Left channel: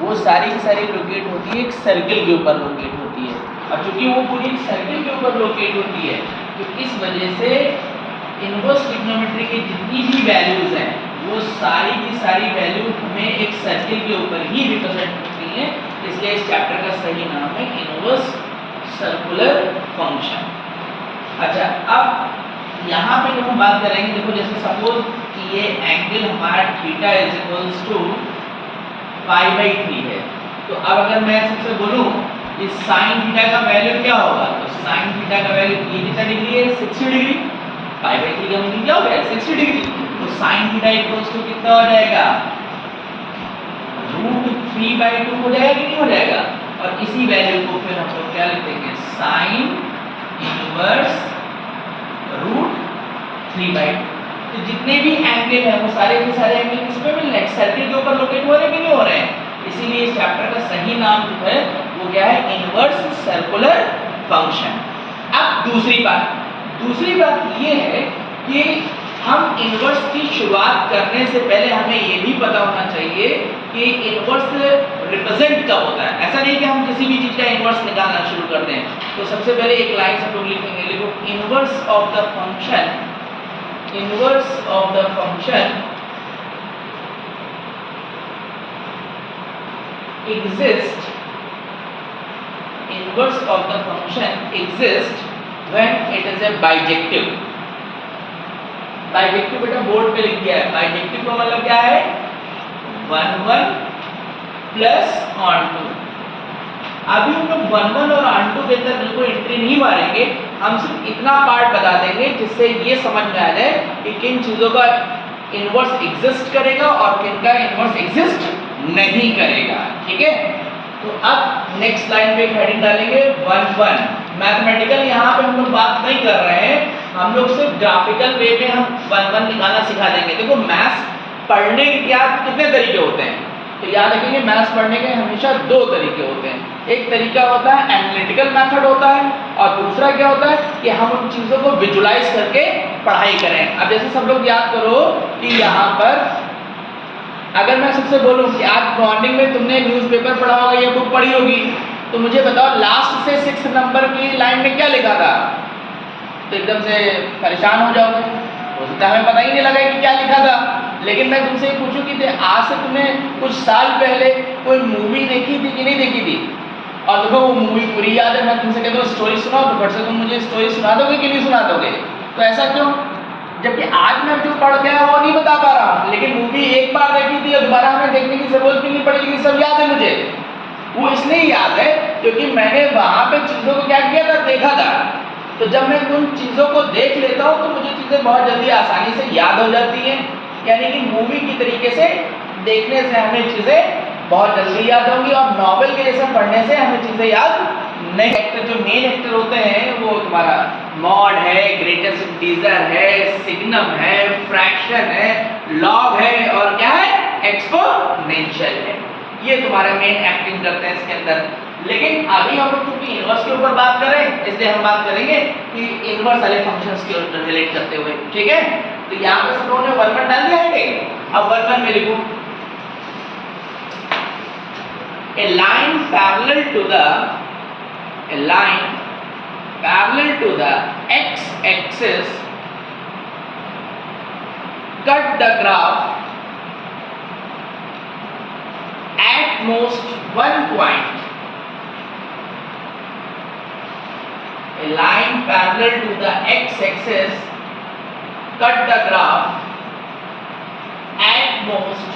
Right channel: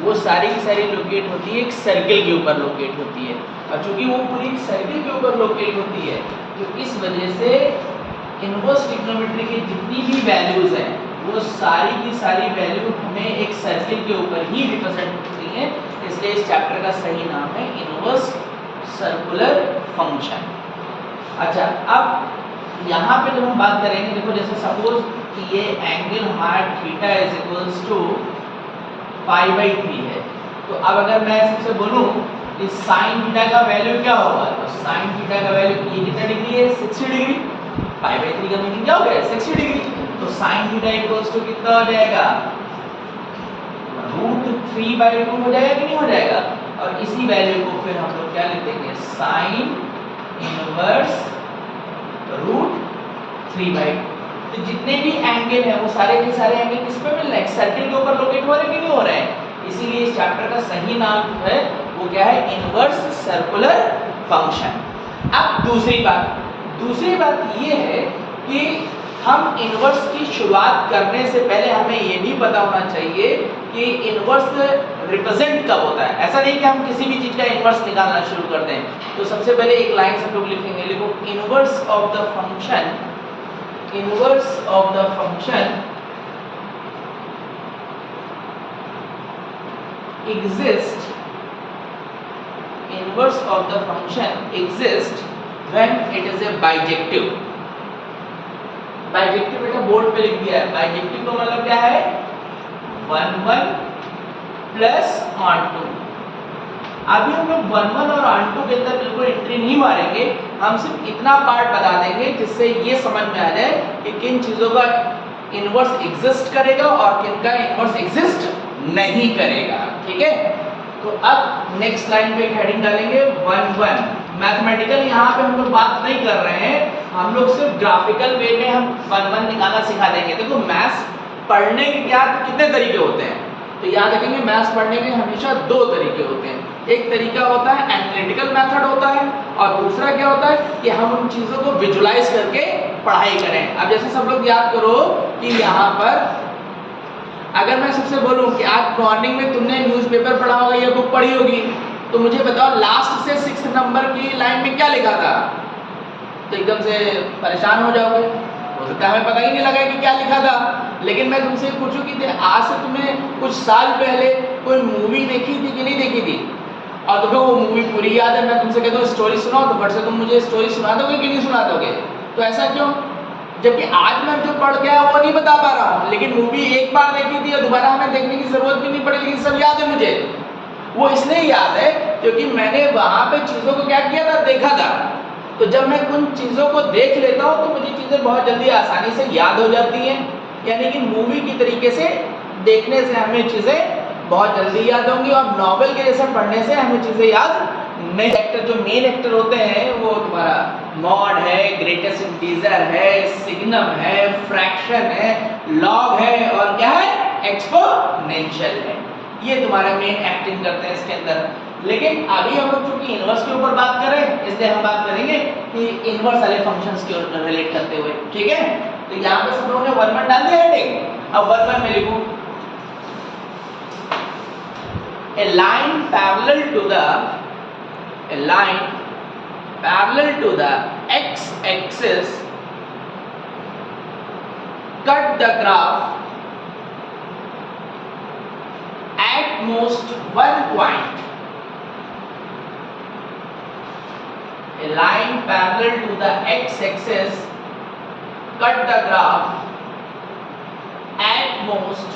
वो सारी की सारी लोकेट होती है एक सर्किल के ऊपर लोकेट होती है, और चूंकि वो पूरी सर्किल के ऊपर लोकेट होती है तो इस वजह से इनवर्स ट्रिग्नोमेट्री की जितनी भी वैल्यूज हैं वो सारी की सारी वैल्यू हमें एक सर्किल के ऊपर ही रिप्रेजेंट करती हैं, इसलिए इस चैप्टर का सही नाम है इनवर्स सर्कुलर फंक्शन। अच्छा, अब यहाँ पे जब हम बात करेंगे, देखो जैसे सपोज कि ये एंगल हमारा थीटा इज इक्वल्स टू π/3 है, तो अब अगर मैं सबसे बोलूं कि sin थीटा का वैल्यू क्या होगा, तो sin थीटा का वैल्यू ये कितना डिग्री है, 60 डिग्री। π/3 का मीनिंग क्या हो गया, 60 डिग्री। तो sin थीटा इक्वल्स टू कितना हो जाएगा, √3/2 हो जाएगा कि नहीं हो जाएगा। और इसी वैल्यू को फिर हम लोग क्या लिख देंगे, sin इनवर्स √3/2। तो जितने भी एंगल हैं वो सारे के सारे एंगल किस पे मिल रहे हैं, सर्किल के ऊपर लोकेट हो रहे हैं कि नहीं हो रहे हैं। इसीलिए इस चैप्टर का सही नाम जो है वो क्या है, इनवर्स सर्कुलर फंक्शन। अब दूसरी बात ये है कि हम इनवर्स की शुरुआत करने से पहले हमें ये भी पता होना चाहिए कि इनवर्स रिप्रेजेंट कब होता है। ऐसा नहीं कि हम किसी भी चीज का इनवर्स निकालना शुरू कर दें। तो सबसे पहले एक लाइन सब लोग लिखेंगे, लिखो inverse of the function, inverse of the function exists, inverse of the function exists when it is a bijective। bijective बेटा बोर्ड पे लिख दिया है, bijective का मतलब क्या है, 1 1 प्लस onto। अभी हम लोग 1 1 और onto के अंदर बिल्कुल एंट्री नहीं मारेंगे, हम सिर्फ इतना पार्ट बता देंगे जिससे ये समझ में आ जाए कि किन चीजों का इनवर्स एग्जिस्ट करेगा और किन का इनवर्स एग्जिस्ट नहीं करेगा, ठीक है। तो अब नेक्स्ट लाइन पे एक हेडिंग डालेंगे 1 1। मैथमेटिकल यहाँ पे हम लोग बात नहीं कर रहे हैं, हम लोग सिर्फ ग्राफिकल वे में हम 1 1 निकालना सिखा देंगे। देखो मैथ्स पढ़ने के क्या कितने तरीके होते हैं, तो याद रखेंगे मैथ्स पढ़ने के हमेशा दो तरीके होते हैं। एक तरीका होता है एनालिटिकल मेथड होता है, और दूसरा क्या होता है कि हम उन चीज़ों को विजुलाइज करके पढ़ाई करें। अब जैसे सब लोग याद करो कि यहाँ पर अगर मैं सबसे बोलूँ कि आज मॉर्निंग में तुमने न्यूज़पेपर पढ़ा होगा या बुक पढ़ी होगी, तो मुझे बताओ लास्ट से 6 नंबर की लाइन में क्या लिखा था, तो एकदम से परेशान हो जाओगे, हो सकता है हमें पता ही नहीं लगा कि क्या लिखा था। लेकिन मैं तुमसे पूछूं कि आज से तुमने कुछ साल पहले कोई मूवी देखी थी कि नहीं देखी थी, और तुम्हें वो मूवी पूरी याद है, मैं तुमसे कहता हूँ स्टोरी सुनाओ, तो फट से तुम मुझे स्टोरी सुना दोगे कि नहीं सुना दोगे। तो ऐसा क्यों, जबकि आज मैं जो पढ़ के आया वो नहीं बता पा रहा हूँ, लेकिन मूवी एक बार देखी थी और दोबारा हमें देखने की जरूरत भी नहीं पड़ी, लेकिन सब याद है मुझे। वो इसलिए याद है क्योंकि मैंने वहाँ पे चीज़ों को क्या किया था, देखा था। तो जब मैं उन चीज़ों को देख लेता हूँ तो मुझे चीज़ें बहुत जल्दी आसानी से याद हो जाती हैं, यानी कि मूवी की तरीके से देखने से हमें चीज़ें बहुत जल्दी याद होंगी, और नॉवेल के जैसे पढ़ने से हमें चीज़ें याद नहीं। एक्टर जो मेन एक्टर होते हैं वो तुम्हारा मॉड है, ग्रेटेस्ट इंटीजर है, सिग्नम है, फ्रैक्शन है, लॉग है, और क्या है, एक्सपोनेंशियल है। ये तुम्हारा मेन एक्टिंग करते हैं इसके अंदर। लेकिन अभी हम लोग चूंकि इनवर्स के ऊपर बात कर रहे हैं, इसलिए हम बात करेंगे कि इनवर्स वाले फंक्शंस के रिलेट करते हुए, ठीक है। तो यहाँ पे सब लोगों ने 1 1 डाल दिया हेडिंग। अब 1 1 में लिखूं a line parallel to the x-axis cut the graph at most 1 point. A line parallel to the x-axis cut the graph at most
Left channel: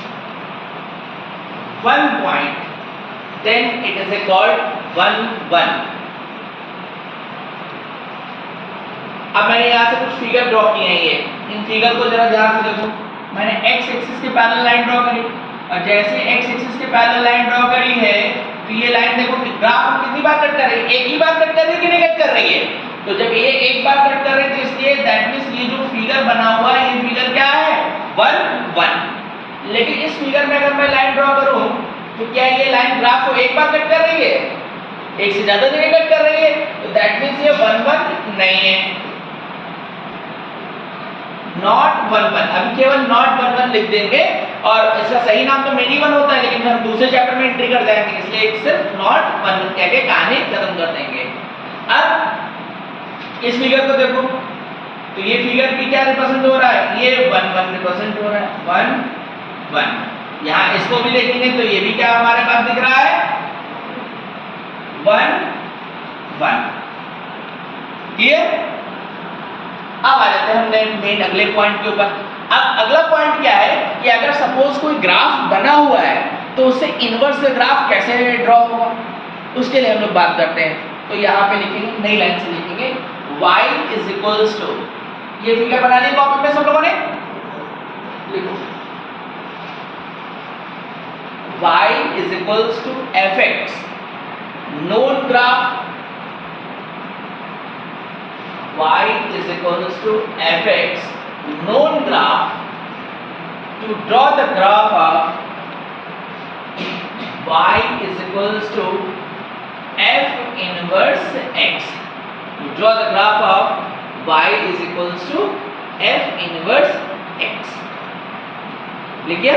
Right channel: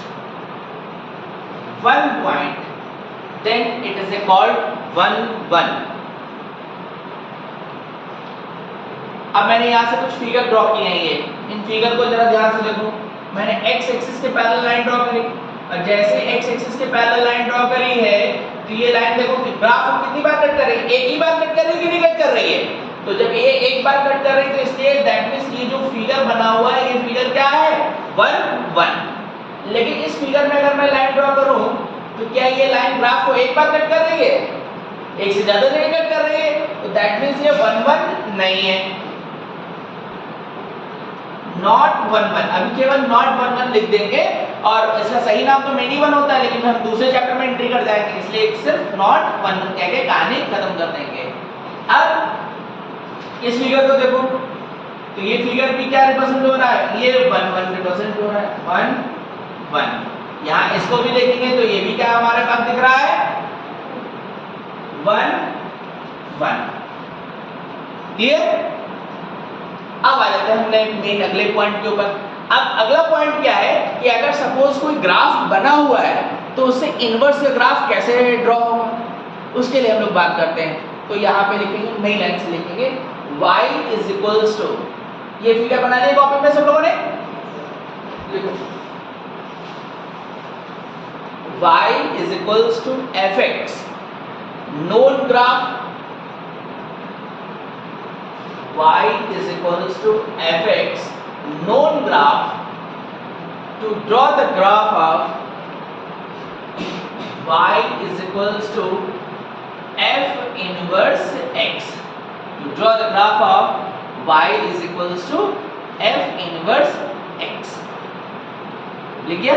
1 point. Then it is called 1 1। अब मैंने यहाँ से कुछ फिगर ड्रॉ किए हैं, ये इन फिगर को जरा ध्यान से देखो। मैंने x एक्सिस के पैरेलल लाइन ड्रॉ करी, और जैसे x एक्सिस के पैरेलल लाइन ड्रॉ करी है तो ये लाइन देखो कि ग्राफ को कितनी बार कट कर रही है, एक ही बार कट कर रही है कि नहीं कट कर रही है। तो जब ये एक बार कट कर रही है तो इसलिए दैट मींस ये जो फिगर बना हुआ है ये फिगर क्या है, 1 1। लेकिन इस फिगर में अगर मैं लाइन ड्रॉ करूं तो क्या ये लाइन ग्राफ को एक बार कट कर रही है, एक से ज्यादा जगह कट कर रही है, तो दैट मींस ये 1 1 नहीं है। नॉट 1 1, अभी केवल नॉट 1 1 लिख देंगे और इसका सही नाम तो मेनी 1 होता है, लेकिन हम दूसरे चैप्टर में एंट्री कर जाएंगे, इसलिए एक सिर्फ नॉट 1 1 कह के कहानी खत्म कर देंगे। अब इस फिगर को देखो, तो ये फिगर भी क्या रिप्रेजेंट हो रहा है, ये 1 1 रिप्रेजेंट हो रहा है, 1 1। यहाँ इसको भी देखेंगे तो ये भी क्या हमारे पास दिख रहा है, 1 1। क्लियर? अब आ जाते हैं हमने मेन अगले पॉइंट के ऊपर। अब अगला पॉइंट क्या है कि अगर सपोज कोई ग्राफ बना हुआ है तो उससे इनवर्स ग्राफ कैसे ड्रॉ होगा, उसके लिए हम लोग बात करते हैं। तो यहाँ पे लिखेंगे, नई लाइन से लिखेंगे y इज इक्वल्स टू, ये फिगर बना लिया कॉपी में सब लोगों ने, लिखो y is equals to fx, known graph y is equals to fx, known graph. To draw the graph of y is equals to f inverse x. To draw the graph of y is equals to f inverse x. लिख गया?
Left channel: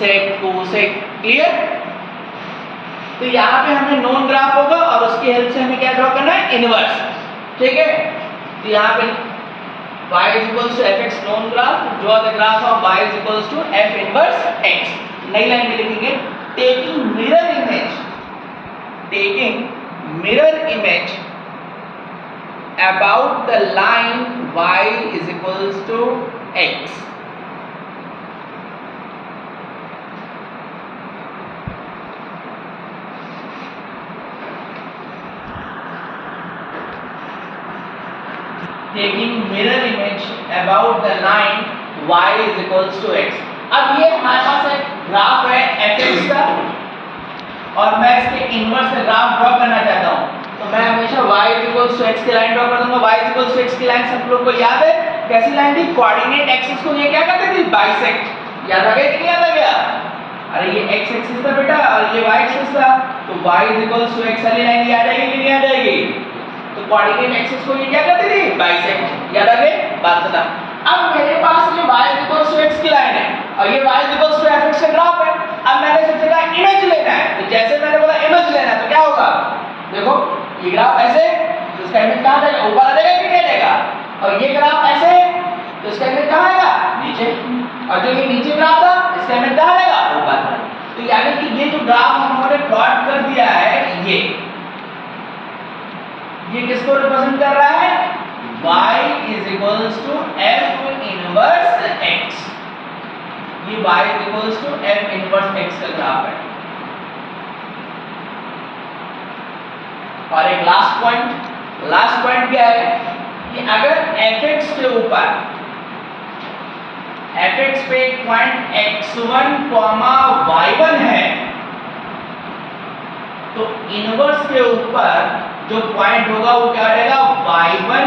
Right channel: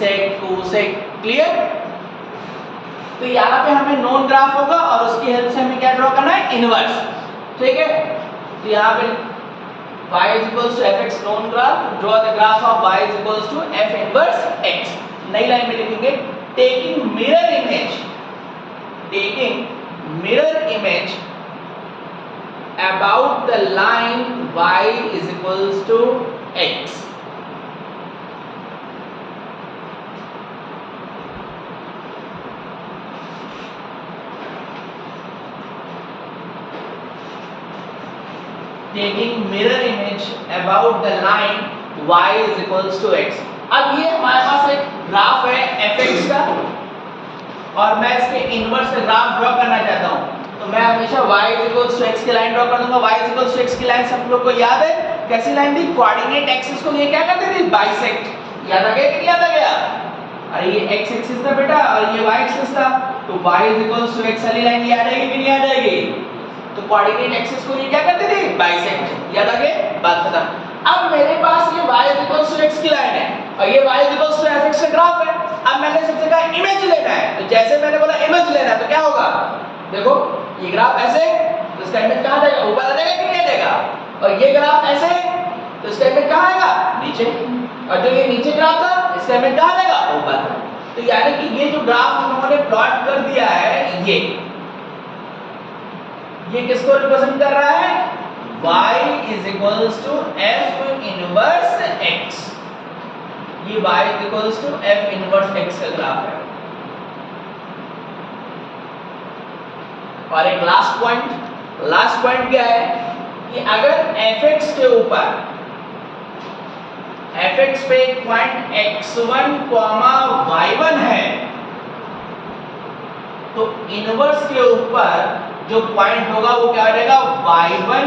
Sec, cosec, clear? तो यहाँ पे हमें known graph होगा और उसकी help से हमें क्या ड्रॉ करना है, इनवर्स। ठीक है, तो यहाँ पे y is equals to fx known graph, draw the graph of y is equals to f inverse x। नई लाइन में लिखेंगे taking mirror image about the line y is equals to x। taking mirror image about the line y is equals to x। अब ये हमारे पास एक graph है fx का और मैं इसके इनवर्स का ग्राफ ड्रॉ करना चाहता हूँ, तो मैं हमेशा y is equals to x की लाइन ड्रॉ कर दूंगा। y is equals to x की लाइन सब लोग को याद है, कैसी लाइन थी, कोऑर्डिनेट एक्सिस को ये क्या करते थे, बाइसेक्ट। याद आ गया कि नहीं याद आ गया? अरे ये x एक्सिस था बेटा और ये y एक्सिस था, तो y is equals to x वाली लाइन याद आएगी कि नहीं याद आएगी? तो कोऑर्डिनेट एक्सिस को ये क्या करते थे, बाइसेक्ट। याद आ गया बात खत्म। अब मेरे पास ये y इक्वल्स टू x की लाइन है और ये y इक्वल्स टू fx का ग्राफ है। अब मैंने सबसे कहा इमेज लेना है, तो जैसे मैंने बोला इमेज लेना है तो क्या होगा, देखो ये ग्राफ ऐसे, तो इसका इमेज कहां जाएगा, ऊपर आ जाएगा कि नहीं जाएगा? और ये ग्राफ ऐसे, तो इसका इमेज कहां आएगा, नीचे। और जो ये नीचे ग्राफ था इसका इमेज कहां आएगा, ऊपर। तो यानी कि ये जो ग्राफ हमने प्लॉट कर दिया है, ये किसको रिप्रेजेंट कर रहा है, y is equals to f inverse x। ये y is equals to f inverse x का ग्राफ है। और एक लास्ट पॉइंट क्या है कि अगर fx के ऊपर, fx पे एक पॉइंट x1, y1 है, तो इनवर्स के ऊपर जो पॉइंट होगा वो क्या हो जाएगा, y1,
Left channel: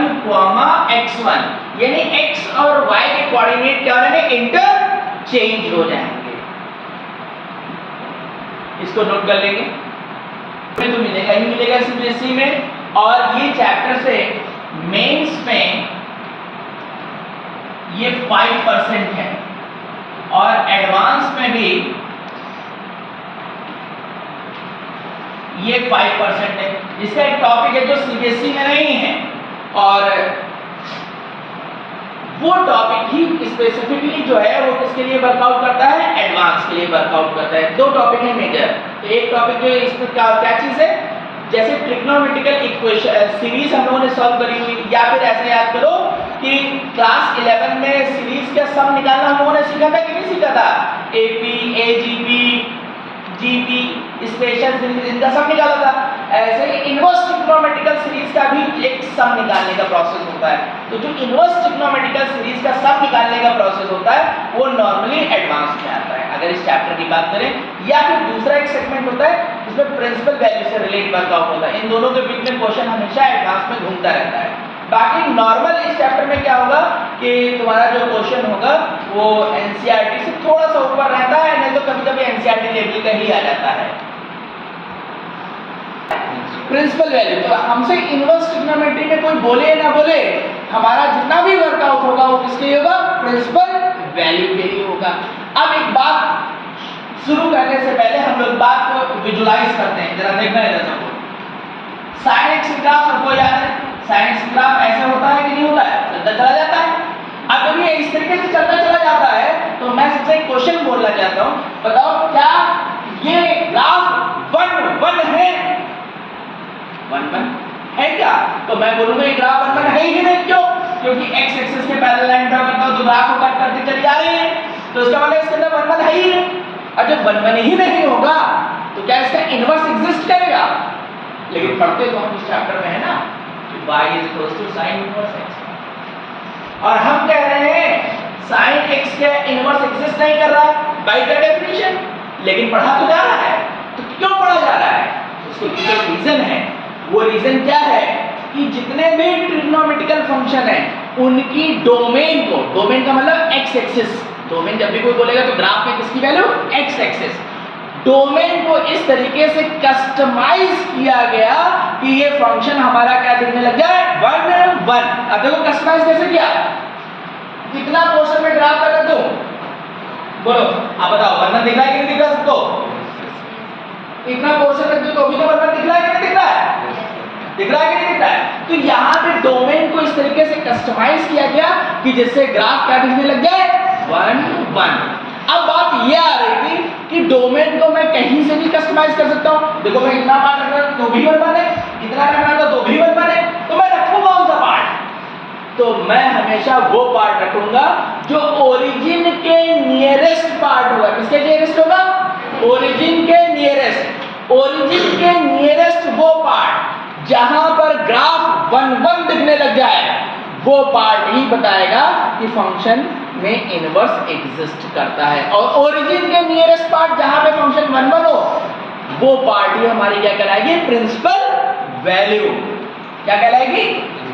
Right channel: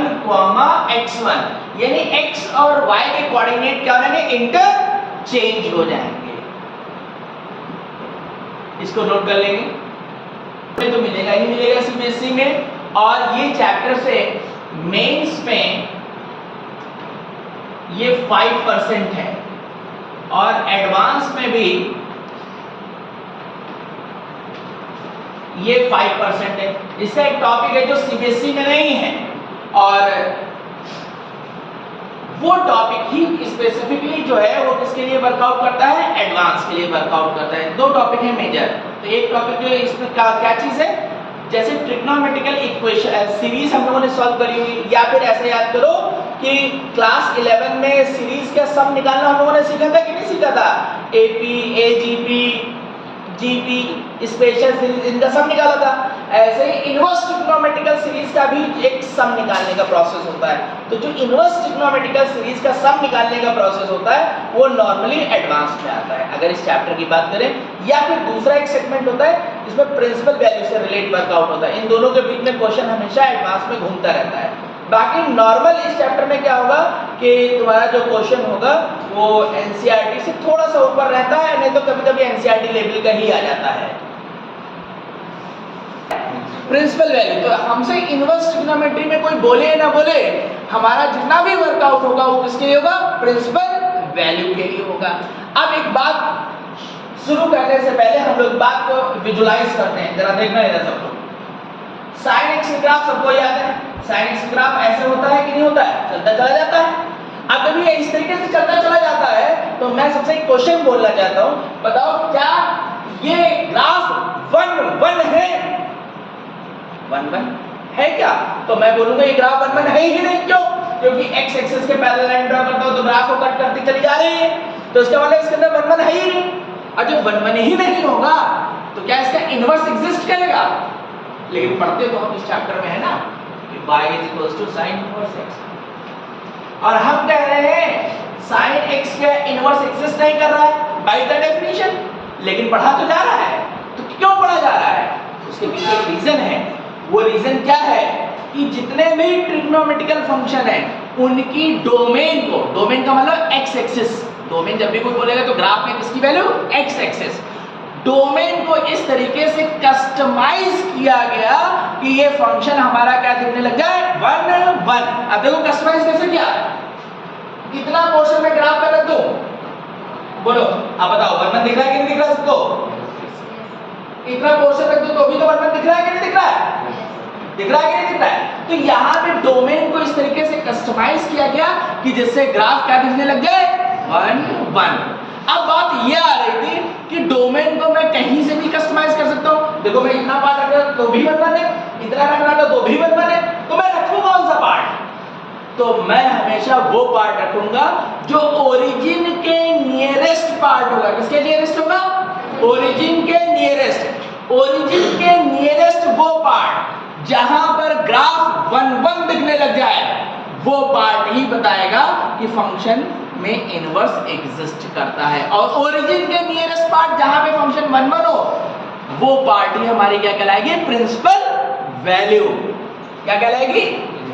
x1, यानी x और y के कोऑर्डिनेट क्या हो जाएंगे, इंटरचेंज हो जाएंगे। इसको नोट कर लेंगे, तो मिलेगा ही मिलेगा सीबीएसई में। और ये चैप्टर से मेंस में ये 5% है और एडवांस में भी ये 5% है। इसका एक टॉपिक है जो सीबीएसई में नहीं है और वो टॉपिक ही स्पेसिफिकली जो है वो किसके लिए वर्कआउट करता है, एडवांस के लिए वर्कआउट करता है। दो टॉपिक है मेजर। तो एक टॉपिक जो इसमें क्या चीज है, जैसे ट्रिग्नोमेट्रिकल इक्वेशन सीरीज हम लोगों ने सॉल्व करी हुई, या फिर ऐसे याद करो कि क्लास 11 में सीरीज का सम निकालना हम लोगों ने सीखा था कि नहीं सीखा था, AP, AGP, GP, special series, इनका सम निकाला था। ऐसे इनवर्स ट्रिग्नोमेट्रिकल सीरीज का भी एक सम निकालने का प्रोसेस होता है। तो जो इनवर्स ट्रिग्नोमेट्रिकल सीरीज का सम निकालने का प्रोसेस होता है वो नॉर्मली एडवांस में आता है, अगर इस चैप्टर की बात करें। या फिर दूसरा एक सेगमेंट होता है जिसमें प्रिंसिपल वैल्यू से रिलेट वर्कआउट होता है। इन दोनों के बीच में क्वेश्चन हमेशा एडवांस में घूमता रहता है। बाकी नॉर्मल इस चैप्टर में क्या होगा कि तुम्हारा जो क्वेश्चन होगा वो एनसीईआरटी से थोड़ा सा ऊपर रहता है, नहीं तो कभी-कभी एनसीईआरटी लेवल का ही आ जाता है। Principal value. तो हमसे इनवर्स ट्रिग्नोमेट्री में कोई बोले ना बोले, हमारा जितना भी वर्कआउट होगा वो किसके लिए होगा? प्रिंसिपल वैल्यू के लिए होगा। अब एक बात शुरू करने से पहले हम लोग बात को विजुलाइज करते हैं, जरा देखना है सबको। साइन एक्स ग्राफ सबको याद है, साइन एक्स ग्राफ ऐसे होता है कि नहीं होता है? चलता चला जाता है। अगर ये इस तरीके से चलता चला जाता है तो मैं सबसे एक क्वेश्चन बोलना चाहता हूं, बताओ क्या ये ग्राफ 1 1 है? 1 1 है क्या? तो मैं बोलूंगा ये ग्राफ 1 1 है ही नहीं। क्यों? क्योंकि x एक्सिस के पैरेलल लाइन ड्रा करता हूं तो ग्राफ को कट करती चली जा रही है, तो इसका मतलब इसके अंदर 1 1 है ही नहीं। और जब 1 1 ही नहीं होगा तो क्या इसका इनवर्स एग्जिस्ट करेगा? लेकिन पढ़ते तो हम इस चैप्टर में है ना कि y sin इनवर्स x, और हम कह रहे हैं sin x के इनवर्स एग्जिस्ट नहीं कर रहा है बाय द डेफिनेशन, लेकिन पढ़ा तो जा रहा है। तो क्यों पढ़ा जा रहा है? उसके पीछे एक रीजन है। वो रीजन क्या है कि जितने भी ट्रिग्नोमेट्रिकल फंक्शन है उनकी डोमेन को, डोमेन का मतलब x एक्सिस, डोमेन जब भी कोई बोलेगा तो ग्राफ में किसकी वैल्यू? x axis. डोमेन को इस तरीके से कस्टमाइज किया गया कि ये फंक्शन हमारा क्या दिखने लग जाए? 1 1। अब देखो कस्टमाइज कैसे किया, कितना पोर्शन में ग्राफ कर दूं? बोलो आप बताओ, 1 1 दिख रहा है कि नहीं दिख रहा सबको? इतना पोर्शन रख दो तो भी तो 1 1 दिख रहा है कि नहीं दिख रहा है? दिख रहा है कि नहीं दिख रहा है? तो यहाँ पे डोमेन को इस तरीके से कस्टमाइज किया गया कि जिससे ग्राफ क्या दिखने लग जाए? 1 1। अब बात ये आ रही थी कि डोमेन को मैं कहीं से भी कस्टमाइज कर सकता हूँ। देखो मैं इतना पार्ट रख रहा तो भी 1 1 है, इतना रख रहा तो भी 1 1 है, तो मैं रखूँ कौन सा पार्ट? तो मैं हमेशा वो पार्ट रखूंगा जो ओरिजिन के नियरेस्ट पार्ट होगा। किसके नियरेस्ट होगा? ओरिजिन के नियरेस्ट। ओरिजिन के नियरेस्ट वो पार्ट जहां पर ग्राफ 1 1 दिखने लग जाए, वो पार्ट ही बताएगा कि फंक्शन में इनवर्स एग्जिस्ट करता है। और ओरिजिन के नियरेस्ट पार्ट जहां पे फंक्शन 1 1 हो, वो पार्ट ही हमारी क्या कहलाएगी? Principal value. क्या कहलाएगी?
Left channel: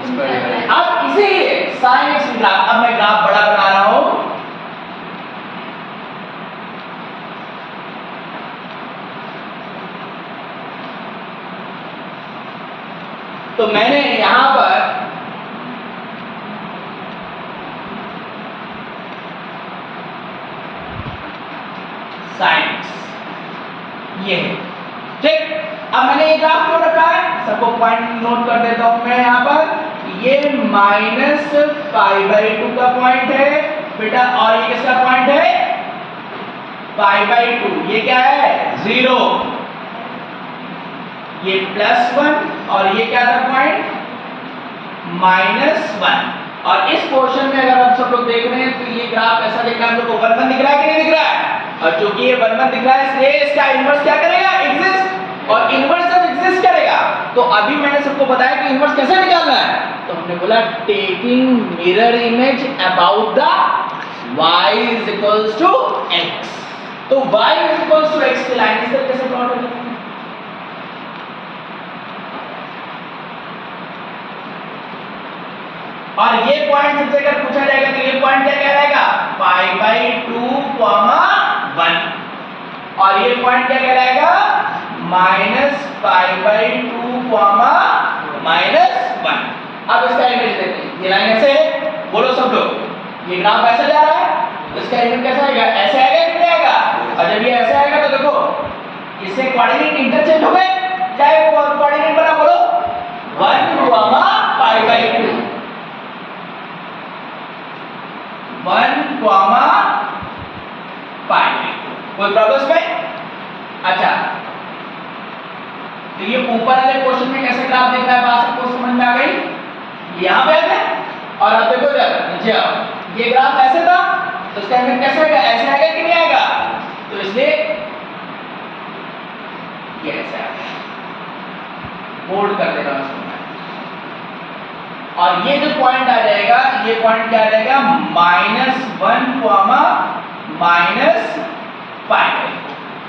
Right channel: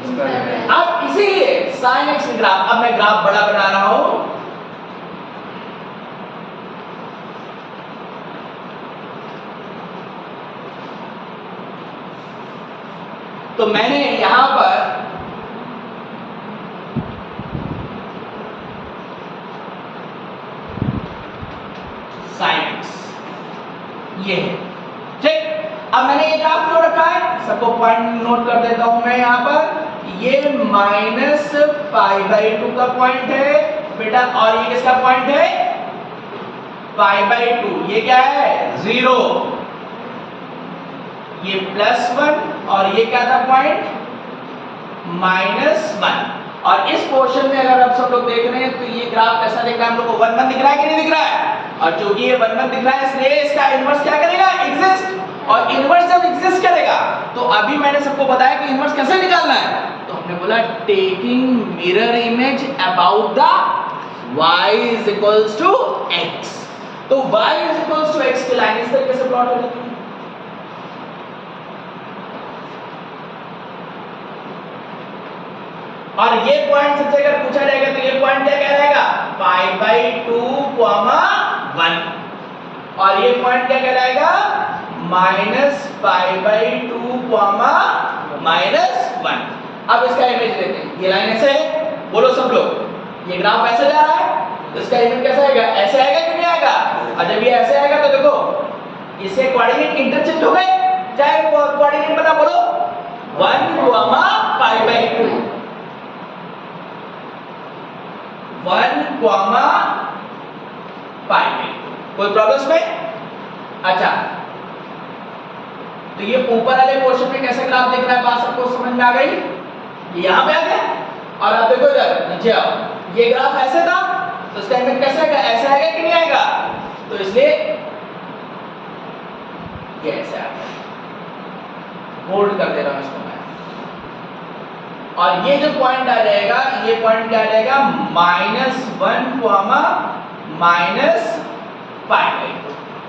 अब इसीलिए साइन एक्स ग्राफ, अब मैं ग्राफ बड़ा बना रहा हूं, तो मैंने यहां पर साइन एक्स ये है, ठीक। अब मैंने ये ग्राफ क्यों रखा है? सबको पॉइंट नोट कर देता हूं मैं यहां पर। ये -π/2 का पॉइंट है बेटा, और ये किसका पॉइंट है? π/2। ये क्या है? 0। ये +1 और ये क्या था पॉइंट? -1। और इस पोर्शन में अगर आप सब लोग देख रहे हैं तो ये ग्राफ ऐसा दिख रहा है, हम लोग को 1 1 दिख रहा है कि नहीं दिख रहा है? और चूंकि ये 1 1 दिख रहा है इसलिए इसका इनवर्स क्या करेगा? एग्जिस्ट। और इनवर्स जब एग्जिस्ट करेगा तो अभी मैंने सबको बताया कि इनवर्स कैसे निकालना है। तो हमने बोला taking mirror image about the y = x। तो y = x की लाइन इस तरीके से प्लॉट हो जाती है। और ये पॉइंट सबसे अगर पूछा जाएगा तो ये पॉइंट क्या कहलाएगा? π/2, 1। और ये पॉइंट क्या कहलाएगा? -π/2, -1। अब इसका इमेज लेते हैं। ये लाइन ऐसे है, बोलो सब लोग, ये ग्राफ ऐसे जा रहा है, तो इसका इमेज कैसा आएगा? ऐसे आएगा कि नहीं आएगा? और जब ये ऐसे आएगा तो देखो इससे कोऑर्डिनेट इंटरचेंज हो गए, चाहे वो कोऑर्डिनेट बना, बोलो 1, π/2 1, π/2। कोई प्रॉब्लम में? अच्छा, तो ये ऊपर वाले पोर्शन में कैसे ग्राफ दिख रहा है, बात सबको समझ में आ गई? यहां पे है, और अब देखो इधर नीचे आओ, ये ग्राफ ऐसे था तो इसका इमेज कैसे आएगा? ऐसे आएगा कि नहीं आएगा? तो इसलिए ये ऐसे आएगा, होल्ड कर देगा इसको मैं। और ये जो पॉइंट आ जाएगा, ये पॉइंट क्या आ जाएगा? -1, -π/2।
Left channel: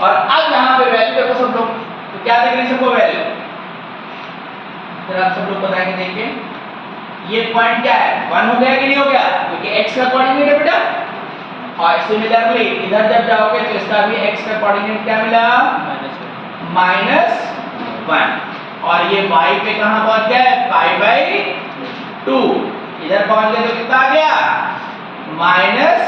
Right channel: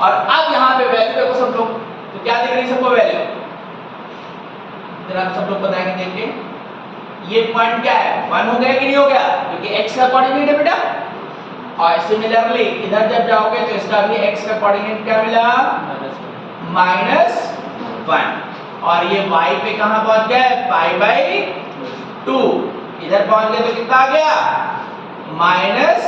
और अब यहाँ पे वैल्यू देखो सब लोग, तो क्या देख रहे हैं सबको वैल्यू? जरा आप सब लोग बताएंगे, देखिए ये पॉइंट क्या है? 1 हो गया कि नहीं हो गया? क्योंकि x का कोऑर्डिनेट है बेटा। और सिमिलरली इधर जब जाओगे तो इसका भी x का कोऑर्डिनेट क्या मिला? -1। और ये y पे कहां पहुंच गया है, पाई बाई 2। इधर पहुंच गया तो कितना आ गया, माइनस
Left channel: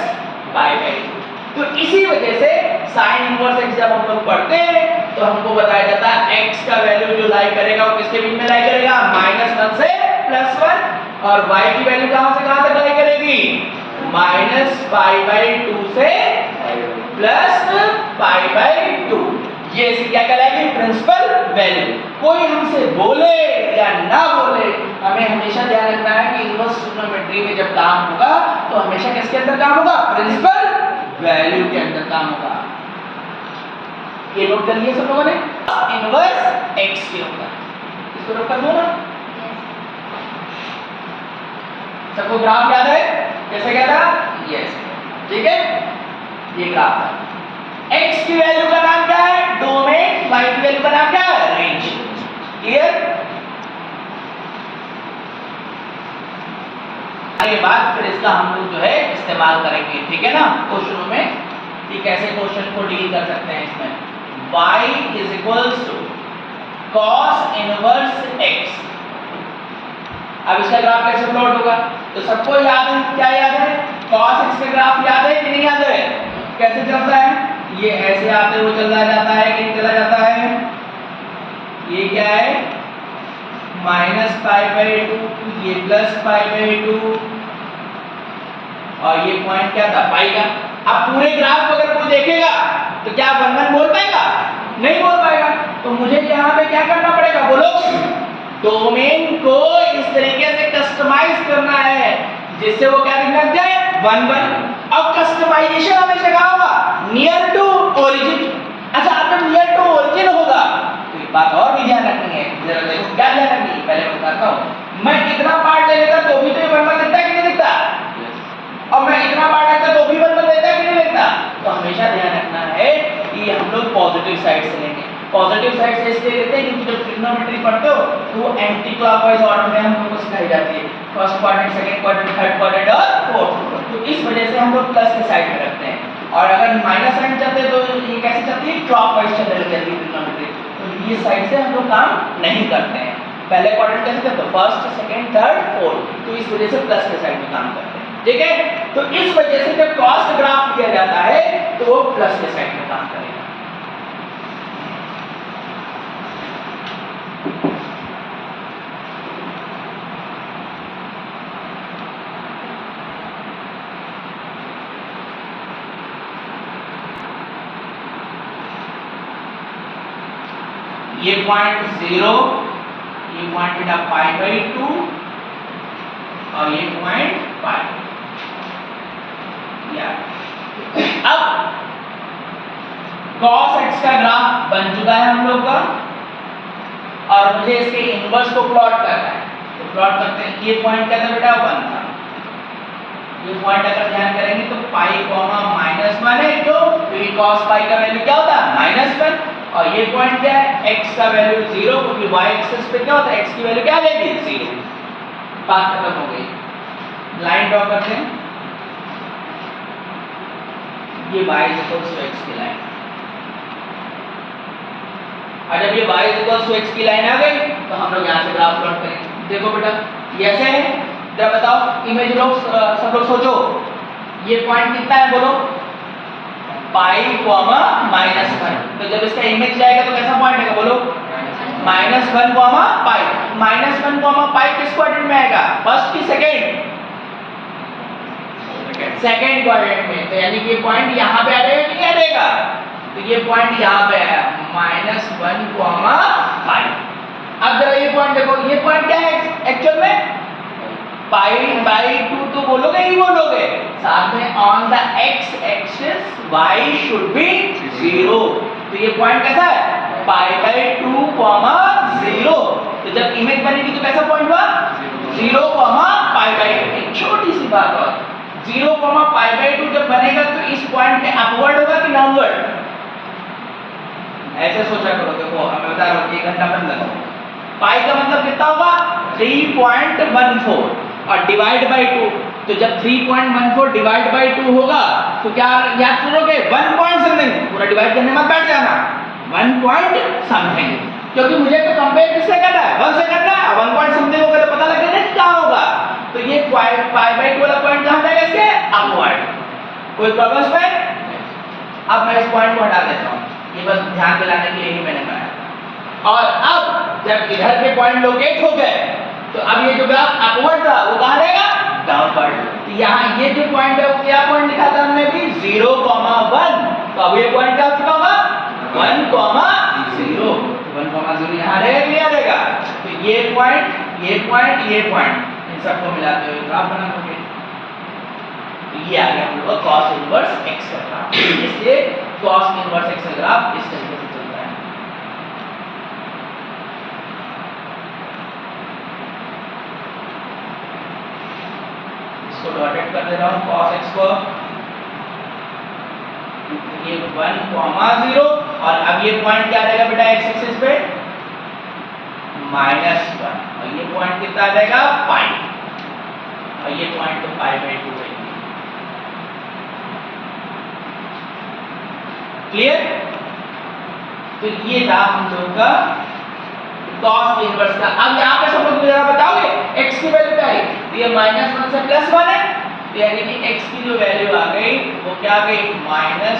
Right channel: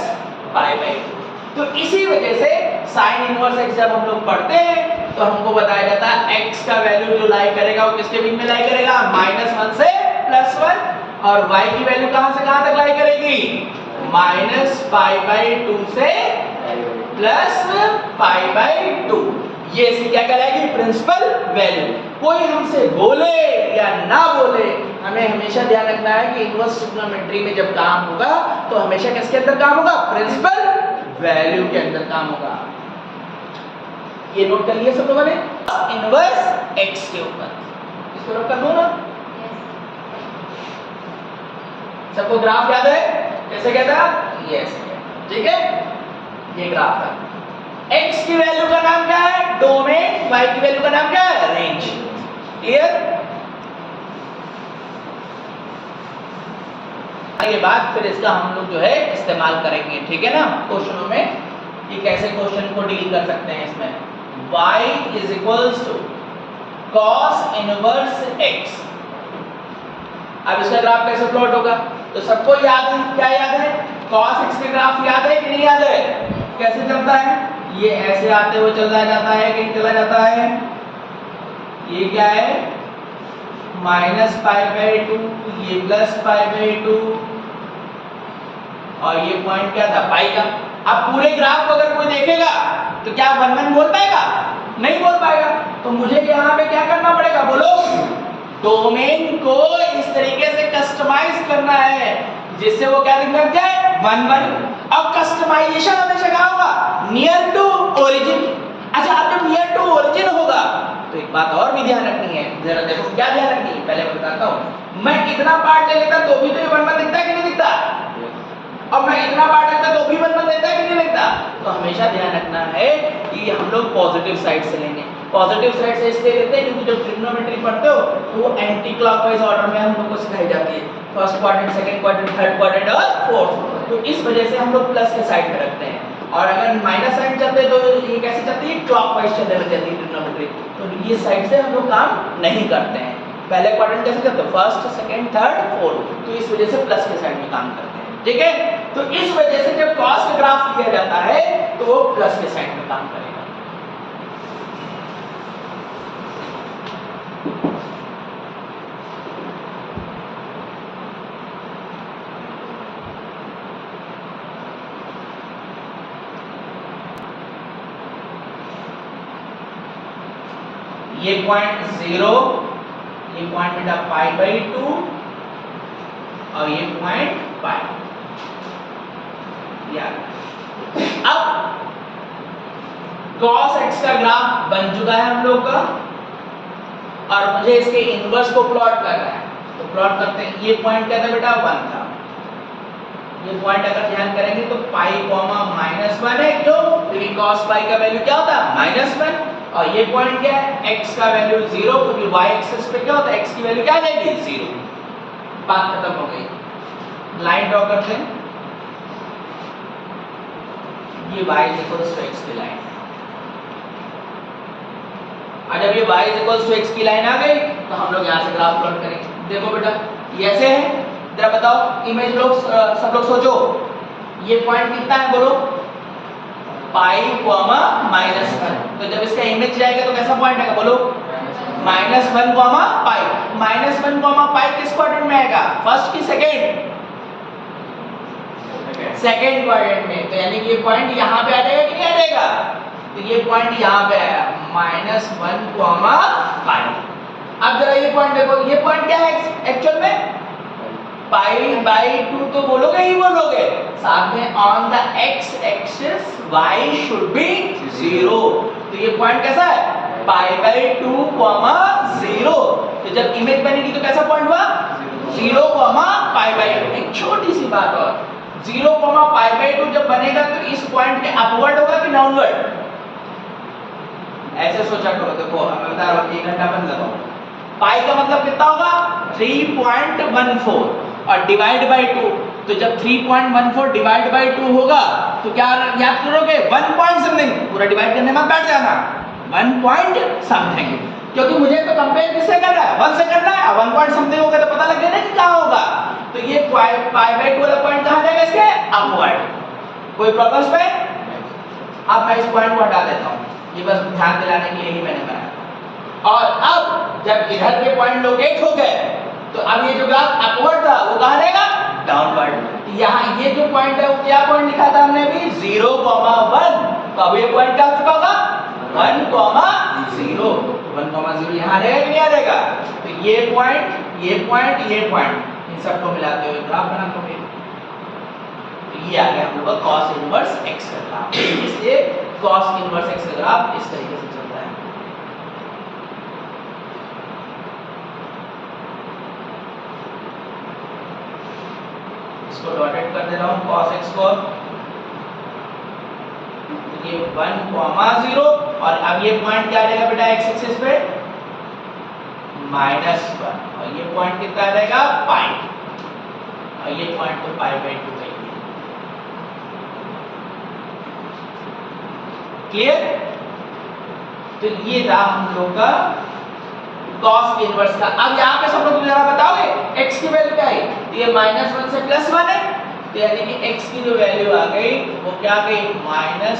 पाई बाई 2। तो इसी वजह से साइन इनवर्स x जब हम लोग पढ़ते हैं तो हमको बताया जाता है x का वैल्यू जो लाई करेगा वो किसके बीच में लाई करेगा, -1 से +1, और y की वैल्यू कहां से कहां तक लाई करेगी, -π/2 से +π/2। ये इसकी क्या कहलाएगी, प्रिंसिपल वैल्यू। कोई हमसे बोले या ना बोले, हमें हमेशा ध्यान रखना है कि इनवर्स ट्रिग्नोमेट्री में जब काम होगा तो हमेशा किसके अंदर काम होगा, प्रिंसिपल वैल्यू के अंदर काम होगा। ये नोट कर लिया सब लोगों ने, इनवर्स x के ऊपर। इसको नोट कर दो ना, सबको ग्राफ याद है, कैसे क्या था, यस, ठीक है। ये ग्राफ था, x की वैल्यू का नाम क्या है, डोमेन, y की वैल्यू का नाम क्या है, रेंज। क्लियर। आगे बात फिर इसका हम लोग जो है इस्तेमाल करेंगे, ठीक है ना, क्वेश्चनों में कि कैसे क्वेश्चन को डील कर सकते हैं। इसमें y = cos इनवर्स x। अब इसका ग्राफ कैसे प्लॉट होगा, तो सबको याद है, क्या याद है, cos x में ग्राफ याद है कि नहीं याद है, कैसे चलता है, ये ऐसे आते हुए चला जाता है कि नहीं चला जाता है, ये क्या है, -π/2, ये +π/2, और ये पॉइंट क्या था, पाई का। अब पूरे ग्राफ को अगर कोई देखेगा तो क्या 1 बोल पाएगा, नहीं बोल पाएगा। तो मुझे यहाँ पे क्या करना पड़ेगा, बोलो, डोमेन को इस तरीके से कस्टमाइज करना है जिससे वो क्या दिखने लग जाए, 1। अब कस्टमाइजेशन हमेशा क्या होगा, नियर टू ओरिजिन। अच्छा, अब जब नियर टू ओरिजिन होगा तो एक बात और भी ध्यान रखनी है, जरा देखो क्या ध्यान रखनी है, पहले बताता हूँ। मैं इतना पार्ट ले लेता तो भी तो ये 1 दिखता है कि नहीं दिखता, और मैं इतना पार्ट लेता तो भी 1 देता है कि नहीं देता। तो हमेशा ध्यान रखना है कि हम लोग पॉजिटिव साइड से लेंगे। पॉजिटिव साइड से इसलिए लेते हैं क्योंकि जब ट्रिग्नोमेट्री पढ़ते हो तो वो एंटी क्लॉकवाइज ऑर्डर में हम लोग को सिखाई जाती है, first quadrant, second quadrant, third quadrant और फोर्थ। तो इस वजह से हम लोग प्लस के साइड में रखते हैं, और अगर माइनस साइन चलते तो ये कैसे चलती है, क्लॉकवाइज चलने लग जाती है ट्रिग्नोमेट्री। तो ये साइड से हम लोग काम नहीं करते हैं। पहले क्वाड्रेंट कैसे चलते, फर्स्ट, सेकंड, थर्ड, फोर्थ। तो इस वजह से प्लस के साइड में काम करते हैं, ठीक है। तो इस वजह से जब क्रॉस का ग्राफ किया जाता है तो वो प्लस के साइड में काम करेगा। ये पॉइंट 0, ये पॉइंट बेटा π/2, और ये पॉइंट पाई। अब cos x का ग्राफ बन चुका है हम लोग का, और मुझे इसके इनवर्स को प्लॉट करना है। तो प्लॉट करते हैं, ये पॉइंट क्या था बेटा, 1 था। ये पॉइंट अगर ध्यान करेंगे तो पाई -1 है, क्यों, क्योंकि cos पाई का वैल्यू क्या होता है, -1। और ये पॉइंट क्या है, x का वैल्यू 0, क्योंकि y एक्सिस पे क्या होता है, x की वैल्यू क्या लेगी, 0। बात खत्म हो गई। लाइन ड्रॉ करते हैं, ये y x की लाइन, और जब ये y x की लाइन आ गई तो हम लोग यहाँ से ग्राफ प्लॉट करेंगे। देखो बेटा ये ऐसे है, जरा बताओ, इमेज लोग सब लोग सोचो, ये पॉइंट कितना है, बोलो, पाई -1। तो जब इसका इमेज जाएगा तो कैसा पॉइंट आएगा, बोलो, -1 पाई। -1 पाई किस क्वाड्रेंट में आएगा, फर्स्ट की सेकंड, सेकंड क्वाड्रेंट में। तो यानी कि ये पॉइंट यहाँ पे आ जाएगा कि नहीं आ जाएगा, तो ये पॉइंट यहाँ पे आया, -1 पाई। अब जरा ये पॉइंट देखो, ये पॉइंट क्या है एक्चुअल में, π/2 तो बोलोगे ही बोलोगे, साथ में on the x axis y should be 0। तो ये पॉइंट कैसा है, π/2, 0। तो जब इमेज बनेगी तो कैसा पॉइंट हुआ, 0, π/2। एक छोटी सी बात और, 0, π/2 जब बनेगा तो इस पॉइंट पे अपवर्ड होगा कि डाउनवर्ड, ऐसे सोचा करो। देखो मैं बता रहा हूँ, 1 घंटा बंद लगाओ, पाई का मतलब कितना होगा, 3.14, और डिवाइड बाय 2। तो जब 3.14 डिवाइड बाय 2 होगा तो क्या याद करोगे, 1 पॉइंट समथिंग, पूरा डिवाइड करने मत बैठ जाना, 1 पॉइंट समथिंग। क्योंकि मुझे तो कंपेयर किससे करना है, 1 से करना है। 1 पॉइंट समथिंग होगा तो पता लगेगा ना कि कहां होगा। तो ये पाई बाय 2 वाला पॉइंट कहां जाएगा इसके अपवर्ड। कोई प्रॉब्लम्स पे? अब मैं इस पॉइंट को हटा देता हूं, ये बस ध्यान दिलाने के लिए ही मैंने बनाया था। और अब जब इधर के पॉइंट लोकेट हो गए तो अब ये जो ग्राफ अपवर्ड था वो कहां जाएगा, डाउनवर्ड। तो यहाँ ये जो पॉइंट है वो क्या पॉइंट लिखा था हमने भी 0,1। तो अब ये पॉइंट क्या हो चुका होगा 1,0। 1,0 यहाँ रहेगा कि नहीं रहेगा। तो ये पॉइंट ये पॉइंट ये पॉइंट इन सबको मिलाते हुए ग्राफ बना दोगे। ये आ गया हम लोग का cos इनवर्स x का ग्राफ। इसलिए cos इनवर्स x का ग्राफ इस तरीके से चलता है। इसको डॉटेड कर देता हूं cos x को, ये 1,0 और अब ये पॉइंट क्या रहेगा बेटा x एक्सिस पे -1 और ये पॉइंट कितना रहेगा पाई और ये पॉइंट तो पाई बाय 2 है। क्लियर? तो ये था हम लोग का cos इनवर्स का। अब यहाँ पे सब लोग जरा बताओगे x की वैल्यू क्या है, ये -1 से +1 है, तो यानी कि x की जो वैल्यू आ गई वो क्या आ गई -1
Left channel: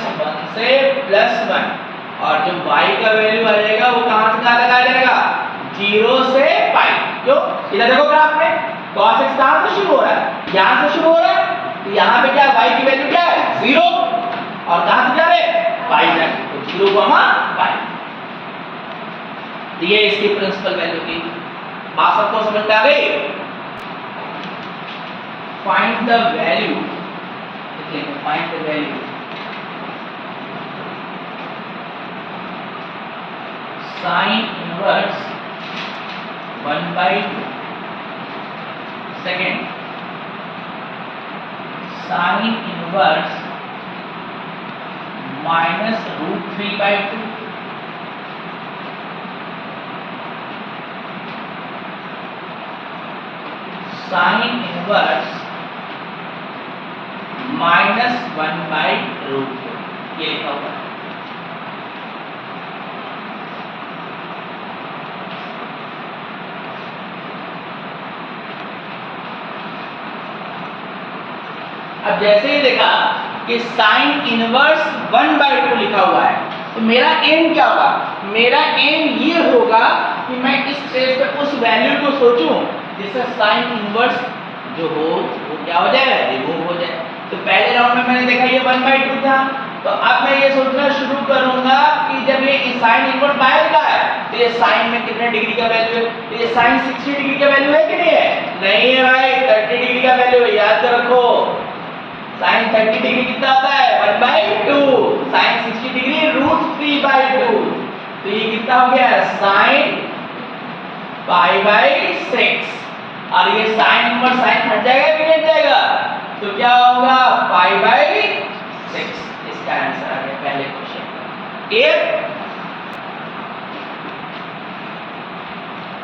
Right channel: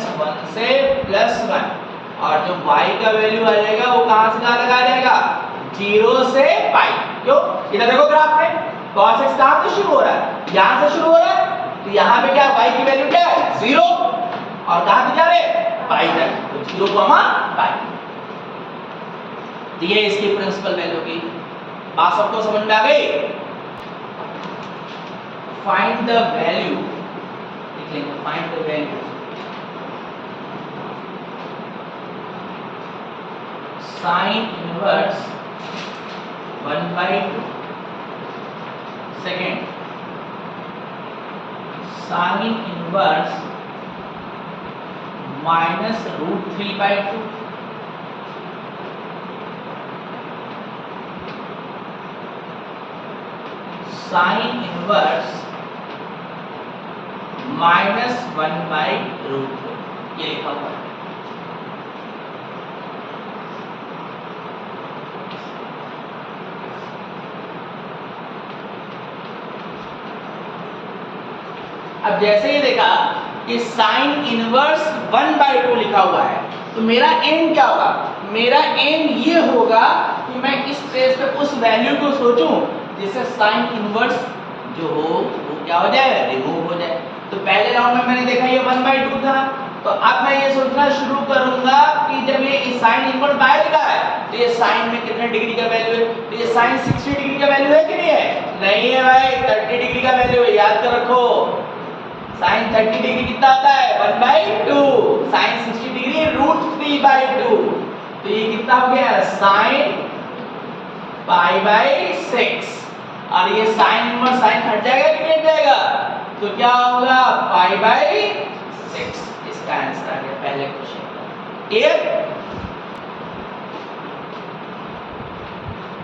से +1 और जो y का वैल्यू आ जाएगा वो कहां से कहां लगाया जाएगा 0 से पाई। क्यों? इधर देखो ग्राफ में cos x कहां से शुरू हो रहा है, यहां से शुरू हो रहा है। तो यहां पे क्या y की वैल्यू क्या है 0 और कहां से जा रहे हैं पाई तक, तो 0, पाई। तो ये इसकी प्रिंसिपल वैल्यू की बात सबको समझ में आ गई। फाइंड द वैल्यू, लिखेंगे find the value sine inverse 1/2। Second sine inverse -√3/2। Sine inverse -1/√2 ये लिखा हुआ है। अब जैसे ही देखा कि साइन इनवर्स 1/2 लिखा हुआ है तो मेरा एम क्या होगा, मेरा एम ये होगा कि मैं इस पेज पे उस वैल्यू को सोचूं जिससे साइन इनवर्स जो हो वो क्या हो जाए रिमूव हो जाए। तो पहले राउंड में मैंने देखा ये 1/2 था, तो अब मैं ये सोचना शुरू करूंगा कि जब ये साइन इनवर्स बाहर का है तो ये साइन में कितने डिग्री का वैल्यू है, तो ये साइन 60 डिग्री का वैल्यू है कि नहीं है, नहीं है भाई 30 डिग्री का वैल्यू है, याद कर रखो। साइन 30 डिग्री कितना आता है 1/2, साइन 60 डिग्री √3/2, तो ये कितना हो गया साइन π/6 और ये साइन इनवर्स साइन हट जाएगा कि नहीं हट जाएगा, तो क्या होगा π/6। इसका आंसर आ गया पहले क्वेश्चन का। क्लियर?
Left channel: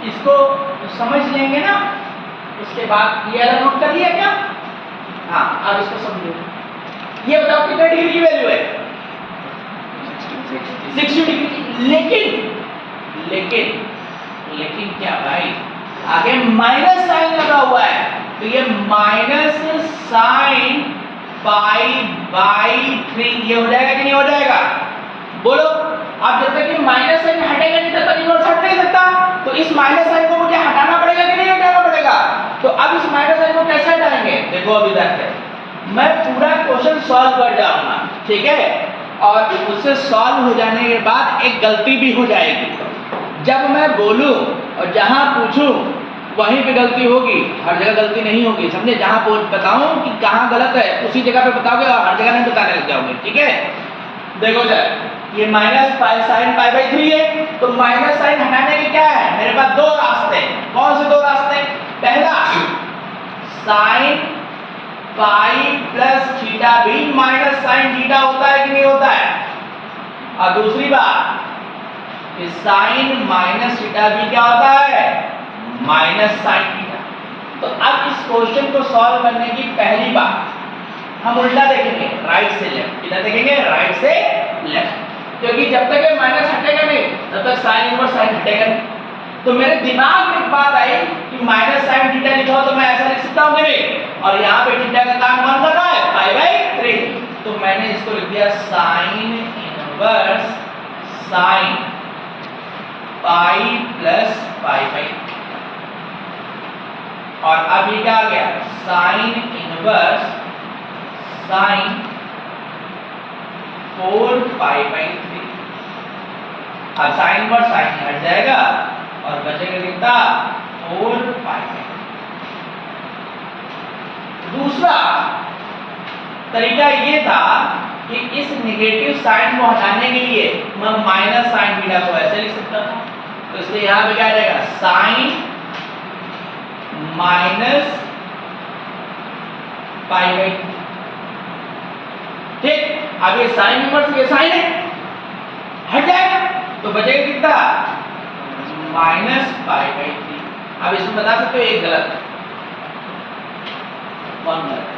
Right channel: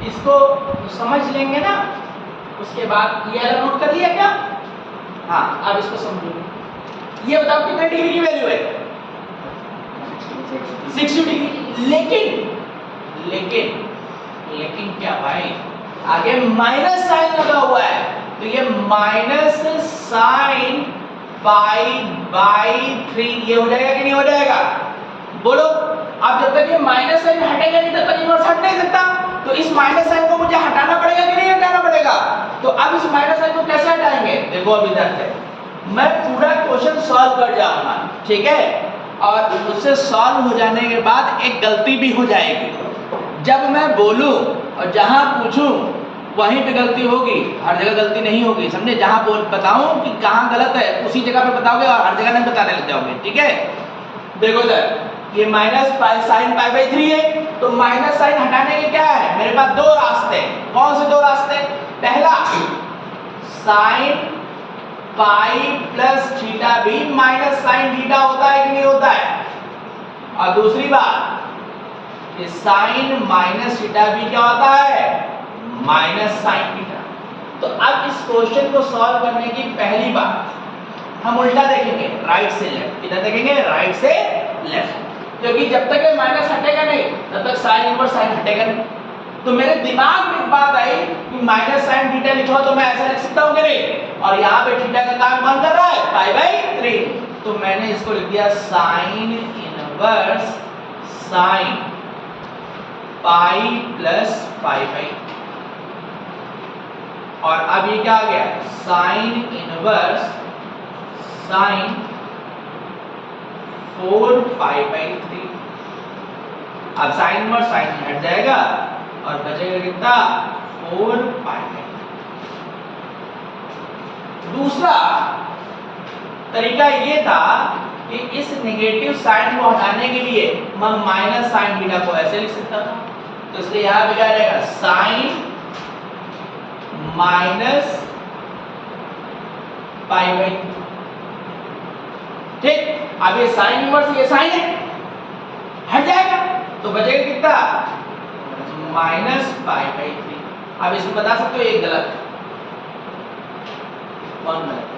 इसको समझ लेंगे ना, उसके बाद ये वाला नोट कर लिया क्या? हाँ, अब इसको समझो। ये बताओ कितने डिग्री की वैल्यू है 60 डिग्री। लेकिन क्या भाई आगे माइनस साइन लगा हुआ है, तो ये माइनस साइन π/3 ये हो जाएगा कि नहीं हो जाएगा, बोलो। अब जब तक ये माइनस साइन हटेगा नहीं तब तक इनवर्स हट नहीं सकता, तो इस माइनस साइन को मुझे हटाना पड़ेगा कि नहीं हटाना पड़ेगा। तो अब इस माइनस साइन को कैसे हटाएंगे, देखो अभी तक मैं पूरा क्वेश्चन सॉल्व कर जाऊंगा, ठीक है, और उससे सॉल्व हो जाने के बाद एक गलती भी हो जाएगी। जब मैं बोलूं और जहां पूछूं वहीं पे गलती होगी, हर जगह गलती नहीं होगी, समझे। जहां बताऊं कि कहां गलत है उसी जगह पे बताओगे और हर जगह नहीं बताने लग जाओगे, ठीक है। देखो जब ये साइन π/3 है तो माइनस साइन हटाने के क्या है मेरे पास दो रास्ते। कौन से दो रास्ते? पहला साइन पाई प्लस थीटा भी माइनस साइन थीटा होता है कि नहीं होता है, और दूसरी बात कि साइन माइनस थीटा भी क्या होता है माइनस साइन थीटा। तो अब इस क्वेश्चन को सॉल्व करने की पहली बात हम उल्टा देखेंगे, राइट से लेफ्ट। इधर देखेंगे राइट से लेफ्ट। क्योंकि जब तक ये माइनस हटेगा नहीं तब तक साइन इनवर्स साइन हटेगा नहीं। तो मेरे दिमाग में एक बात आई कि माइनस साइन थीटा लिखा हो तो मैं ऐसा लिख सकता हूं कि नहीं, और यहाँ पे थीटा का काम कौन कर रहा है, पाई बाई 3। तो मैंने इसको लिख दिया sine inverse sine pi plus pi by, और अब ये क्या आ गया, sine inverse sine 4 pi by 3। अब साइन इनवर्स साइन हट जाएगा और बचेगा कितना, 4 पाई बाई। दूसरा तरीका ये था कि इस नेगेटिव साइन को हटाने के लिए मैं माइनस साइन थीटा को ऐसे लिख सकता था, तो इसलिए यहां पे क्या आ जाएगा, साइन माइनस पाई बाई। ठीक, अब ये साइन इनवर्स ये साइन है हट जाएगा तो बचेगा कितना, माइनस पाई बाई 3। अब इसमें बता सकते हो एक गलत है, कौन गलत है?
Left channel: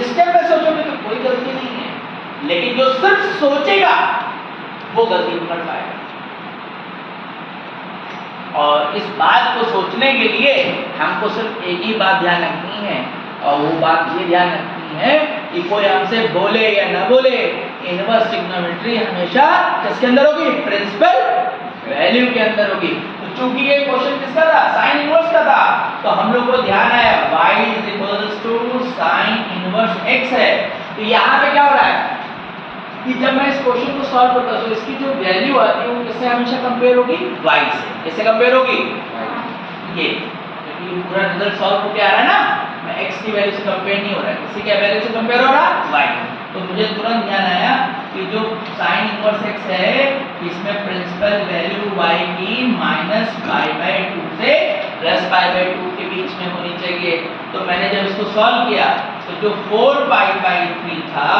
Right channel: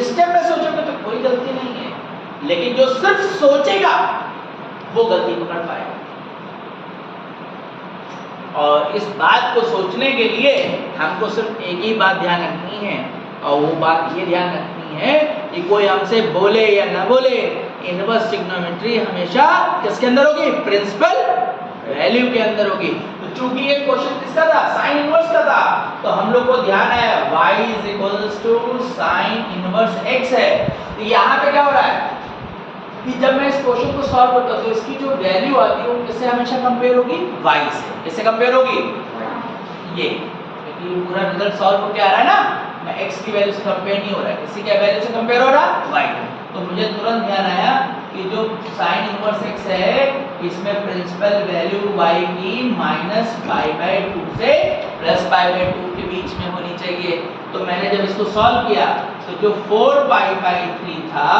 स्टेप में सोचोगे तो कोई गलती नहीं है, लेकिन जो सिर्फ सोचेगा वो गलती पकड़ पाएगा। और इस बात को सोचने के लिए हमको सिर्फ एक ही बात ध्यान रखनी है, और वो बात ये ध्यान रखनी है कि कोई हमसे बोले या ना बोले, इनवर्स ट्रिग्नोमेट्री हमेशा किसके अंदर होगी, प्रिंसिपल वैल्यू के अंदर होगी। तो चूंकि ये क्वेश्चन किसका था, साइन इनवर्स का था, तो हम लोग को ध्यान आया y = साइन इनवर्स x है। तो यहाँ पे क्या हो रहा है कि जब मैं इस क्वेश्चन को सॉल्व करता हूं तो इसकी जो वैल्यू आती है वो किससे हमेशा कंपेयर होगी, y से। किससे कंपेयर होगी, ये, क्योंकि पूरा रिजल्ट सॉल्व होके आ रहा है ना, मैं x की वैल्यू से कंपेयर नहीं हो रहा है, किसी के वैल्यू से कंपेयर हो रहा है y। तो मुझे तुरंत ध्यान आया कि जो साइन इनवर्स x है इसमें प्रिंसिपल वैल्यू y की माइनस पाई बाई 2 से प्लस पाई बाई 2 के बीच में होनी चाहिए। तो मैंने जब इसको सॉल्व किया तो जो 4 पाई बाई 3 था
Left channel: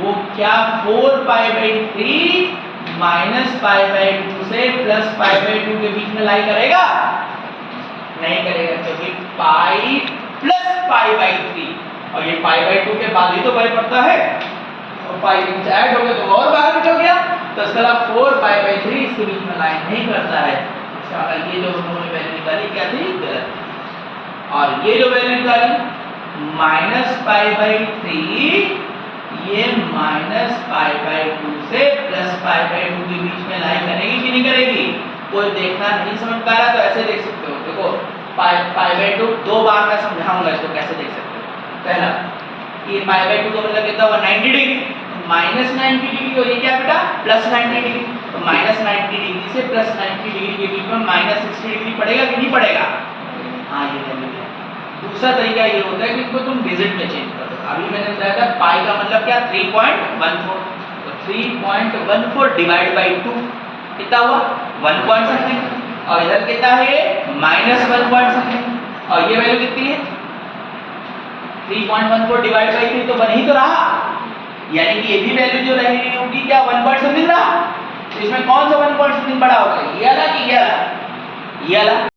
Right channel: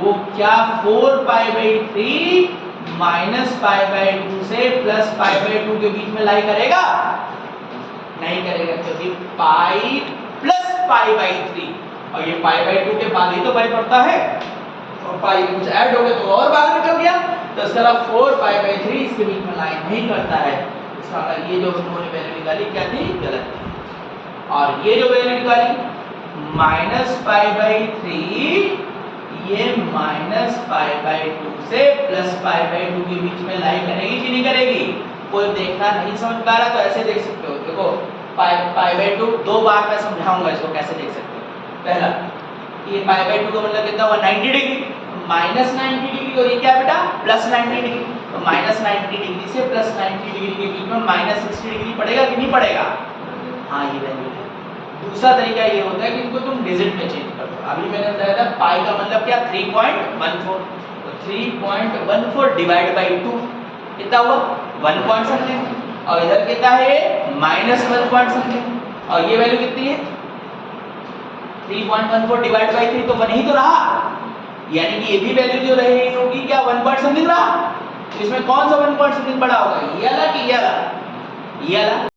वो क्या 4 pi by 3 minus pi by 2 से प्लस पाई बाई 2 के बीच में लाई करेगा, नहीं करेगा, क्योंकि पाई प्लस पाई बाई 3, और ये पाई बाई 2 के बाद ही तो पाई पड़ता है, और पाई कुछ ऐड हो गया तो और बाहर निकल गया। तो इसका मतलब 4 पाई बाई 3 इसके बीच में लाई नहीं करता है। इसका मतलब ये जो उन्होंने वैल्यू निकाली क्या थी, गलत। और ये जो वैल्यू निकाली माइनस पाई बाई 3, ये माइनस पाई बाई 2 से प्लस पाई बाई 2 के बीच में लाई करेगी कि नहीं करेगी। कोई देखना नहीं समझ पा रहा तो ऐसे देख सकते हो, देखो पाई बाई 2 दो बार मैं समझाऊंगा इसको कैसे देख सकते हो। पहला ये पाई बाई 2 का मतलब कितना हुआ, 90 डिग्री, माइनस 90 डिग्री, और ये क्या बेटा प्लस 90 डिग्री। तो माइनस 90 डिग्री से प्लस 90 डिग्री के बीच में माइनस 60 डिग्री पड़ेगा कि नहीं पड़ेगा, हाँ ये वैल्यू है। दूसरा तरीका ये होता है कि इसको तुम डिजिट में चेंज कर दो। अभी मैंने बताया था पाई का मतलब क्या, 3.14, तो 3.14 डिवाइड बाई 2 कितना हुआ, 1 पॉइंट समथिंग, और इधर कितना है ये माइनस 1 पॉइंट समथिंग, और ये वैल्यू कितनी है 3.14 डिवाइड बाई 3, तो 1 ही तो रहा, यानी कि ये भी वैल्यू जो रही होगी क्या 1 पॉइंट समथिंग रहा। तो इसमें कौन सा 1 पॉइंट समथिंग बड़ा होगा, ये वाला कि ये वाला, ये वाला।